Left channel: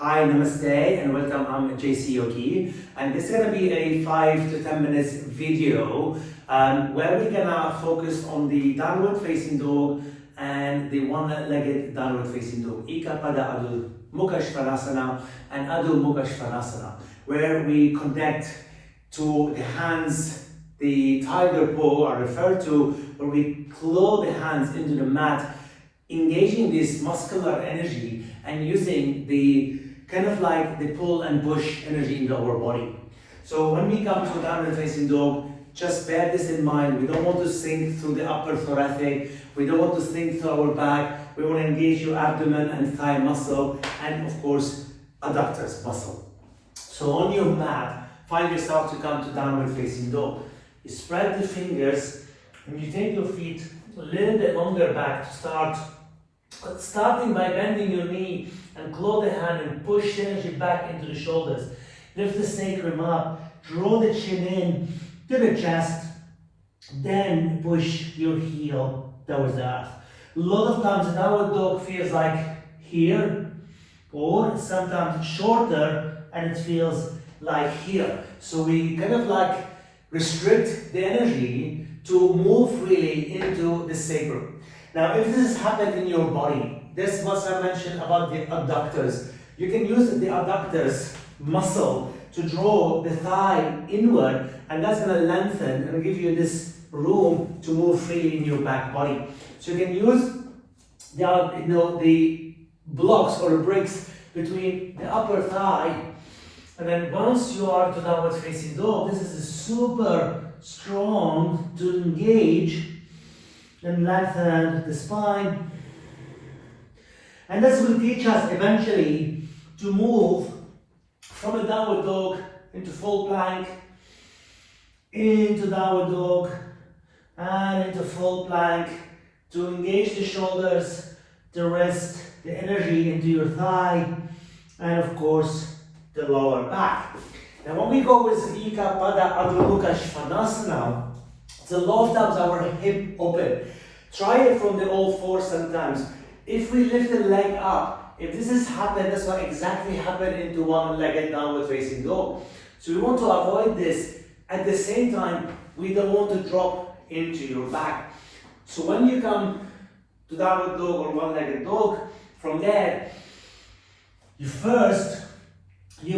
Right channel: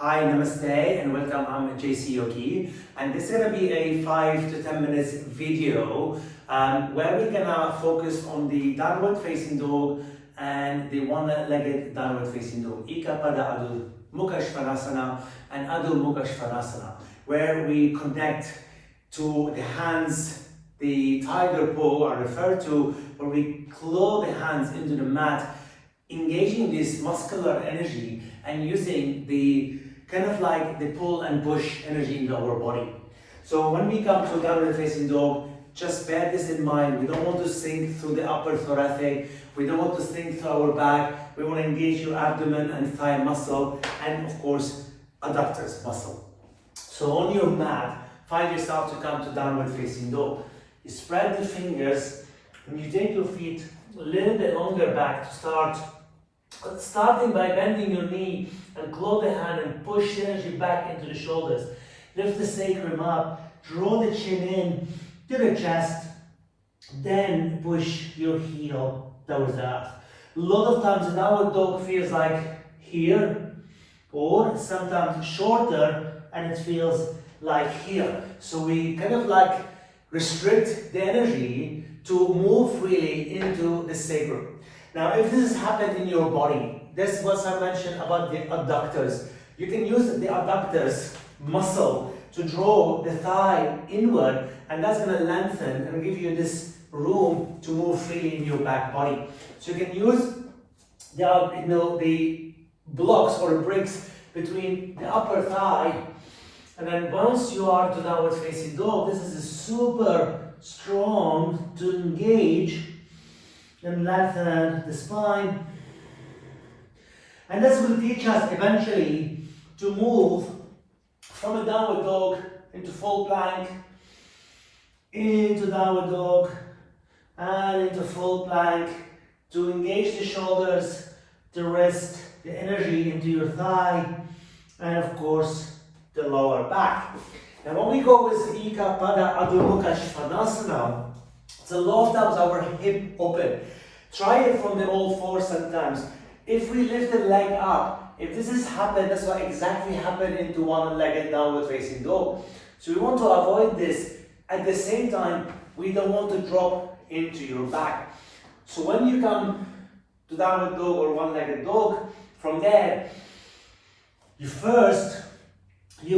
Hi, namaste, and welcome. I'm JC Yogi, and this is gonna be a 5 to 10 minutes video where we're gonna focus on the downward facing dog and the one-legged downward facing dog, Ika Pada Adho Mukha Svanasana and Adho Mukha Svanasana, where we connect to the hands, the tiger pose are referred to, where we claw the hands into the mat, engaging this muscular energy and using the kind of like the pull and push energy into our body. So when we come to downward facing dog, just bear this in mind. We don't want to sink through the upper thoracic. We don't want to sink through our back. We want to engage your abdomen and thigh muscle, and of course, adductors muscle. So on your mat, find yourself to come to downward facing dog. You spread the fingers and you take your feet a little bit longer back to start. Starting by bending your knee and claw the hand and push energy back into the shoulders. Lift the sacrum up, draw the chin in to the chest, then push your heel towards the earth. A lot of times the downward dog feels like here, or sometimes shorter and it feels like here. So we kind of like restrict the energy to move freely into the sacrum. Now, if this has happened in your body, this is what I mentioned about the adductors. You can use the adductors muscle to draw the thigh inward, and that's going to lengthen and give you this room to move freely in your back body. So you can use the blocks or bricks between the upper thigh, and then once you are to downward facing dog, this is super strong to engage and lengthen the spine. And this will teach us eventually to move from a downward dog into full plank, into downward dog, and into full plank, to engage the shoulders, the wrist, the energy into your thigh, and of course the lower back. Now when we go with Ika Pada Adho Mukha Svanasana, it's a lot of times our hip open. Try it from the all fours sometimes. If we lift the leg up, if this has happened, that's what exactly happened into one-legged downward facing dog. So we want to avoid this. At the same time, we don't want to drop into your back. So when you come to downward dog or one-legged dog, from there, you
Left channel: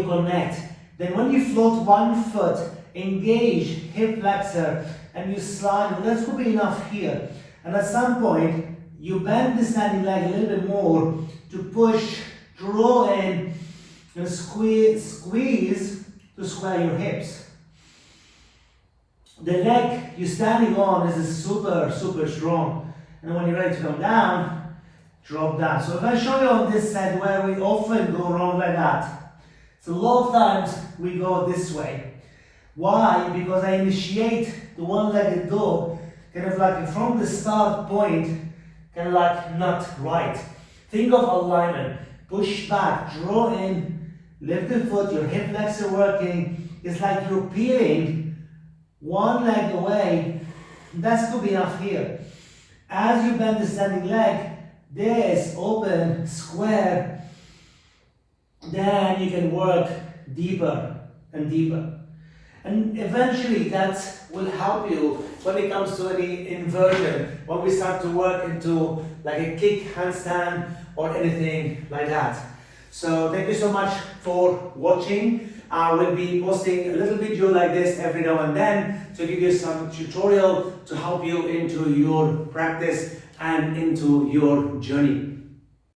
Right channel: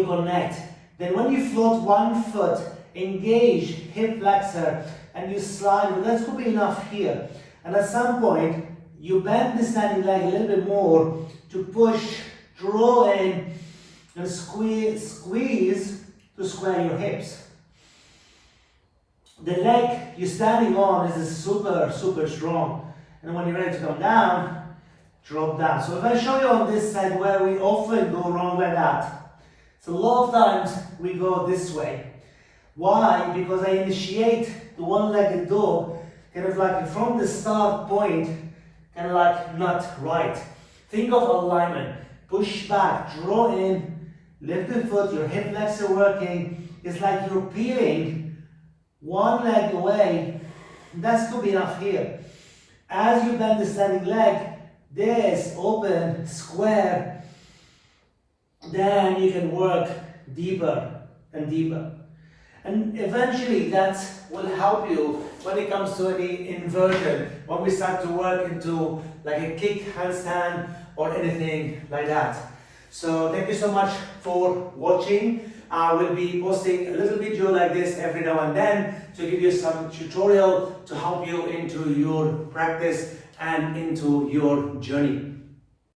connect. Then when you float one foot, engage hip flexor, and you slide. Well, that could be enough here. And at some point, you bend the standing leg a little bit more to push, draw in, and squeeze to square your hips. The leg you're standing on is super, super strong. And when you're ready to come down, drop down. So if I show you on this side where we often go wrong like that, so a lot of times we go this way. Why? Because I initiate the one-legged dog kind of like from the start point, kind of like not right. Think of alignment. Push back, draw in, lift the foot, your hip flexor working. It's like you're peeling one leg away. That could be enough here. As you bend the standing leg, this open, square, then you can work deeper and deeper. And eventually that will help you when it comes to any inversion, when we start to work into like a kick, handstand, or anything like that. So thank you so much for watching. I will be posting a little video like this every now and then to give you some tutorial to help you into your practice and into your journey.